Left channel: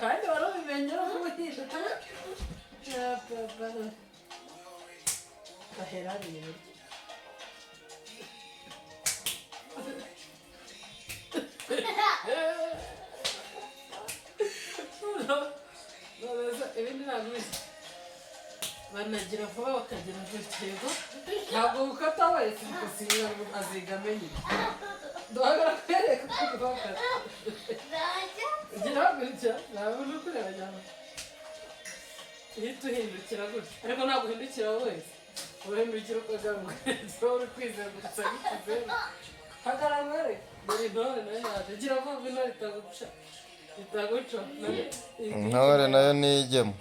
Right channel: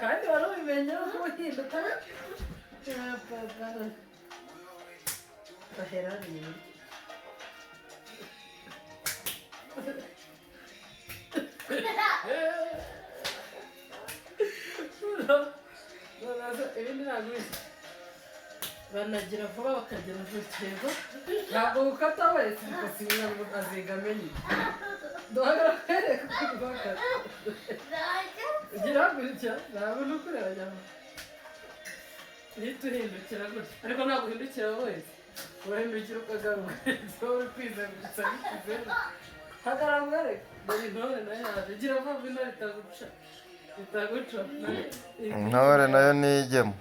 kandi wari ubimenye ko uhinduka baherariye burya ibindi ntabwo banagira vuba bakagira urukego ntabwo gukata wese bigasinyira ngo aziga amenye duhagara kwereka ko bakata ugira gutya ntabwo ni ukureba cyane uhita uhindukira gutya ariko ntabwo uhindukira wese urahindukira ukagaruka uri kwizengurutsa nk'ikizeru hagarara mwereke dore intore nayo yaje gira vuba intore itaguca intore nayo niyigemo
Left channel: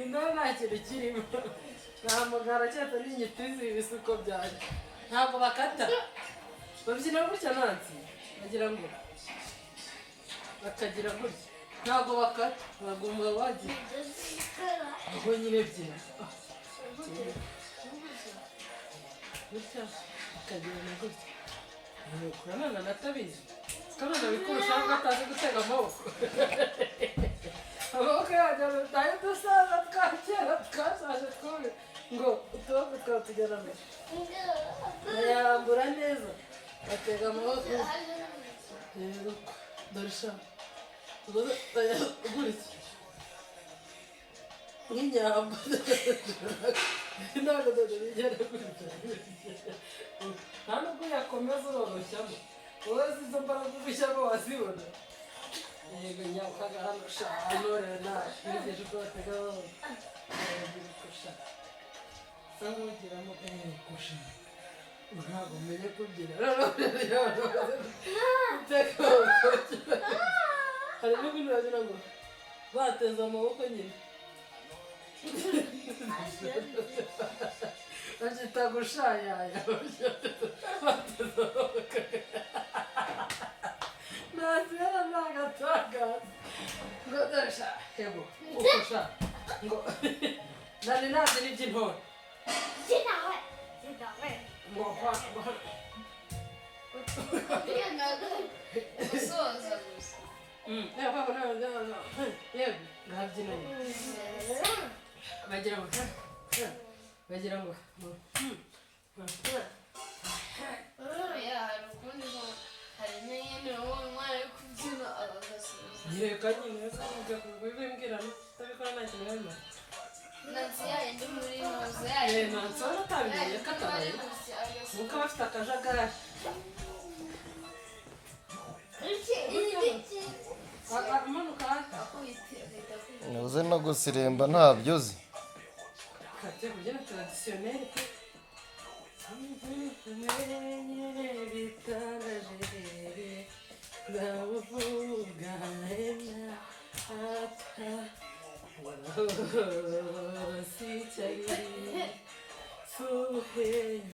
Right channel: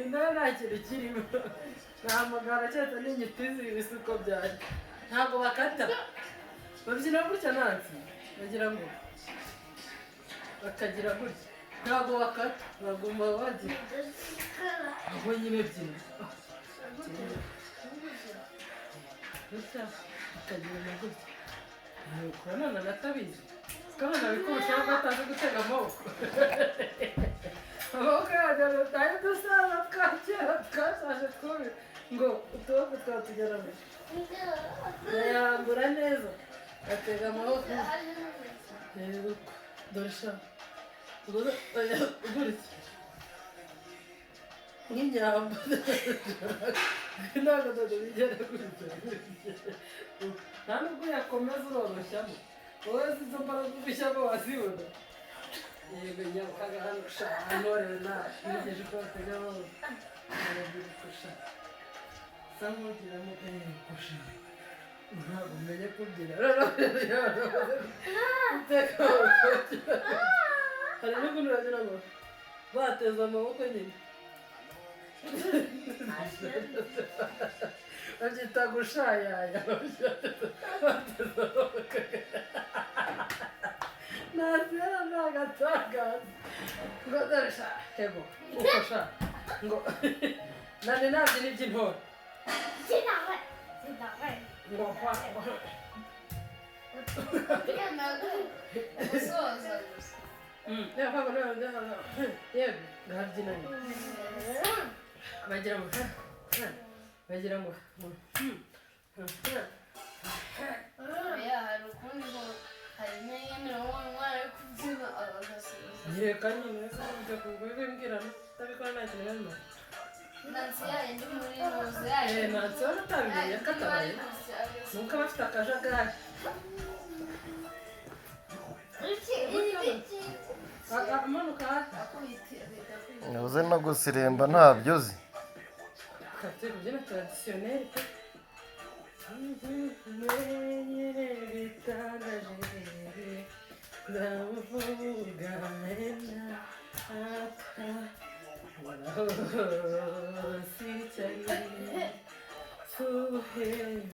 intore nta kintu kirimo nta mugara cyose n'inyitizi ibisuko byanjye ntabwo bakata babyina gutya nansi bagira ngo bakagira gutya ntabwo bakata bagomba bagira aho nyine byina gutya bakagira na gutya kurana natabizi kandi nabikurushaho batazi gutega amaboko amaboko yajyana nayo dusaza twa kera twashaje twubi ngo utuboko twatugeramo bayarambura neza batega amaboko rero dore sha gutya nk'inyamba ntabwo dore bigera gutya nta nubwo yakomeza uroroshyamo wowe zizo mbaraga ubushyamo wazibona yego nyakaga hano sha intore nashirigije uko batega amaboko aragira kusha samugiramo kusha ntabwo umenye kubyina uteka amaboko hari n'ubundi wagira ngo bateze amaboko nyine babyita gushayaya bateze amaboko nazira n'agatagaza ngo dore sha yego uko sha ngo nani nabyo ni iby'intore ngo yego ngabyinanye bagira ngo hari ukundi ngo hari nyine wowe umwana ari kubyina agasubiza nyereka nyine ujya kubimbwira utabikora nta kintu harimo nansi yayindi muri noze yayindi nansi waba atabimenye katabaye nuko aba afite akajagari amanuka hasi uzi no gusiremba ntabyo uzi kate kubyina tradisiyoneri ndavuga ata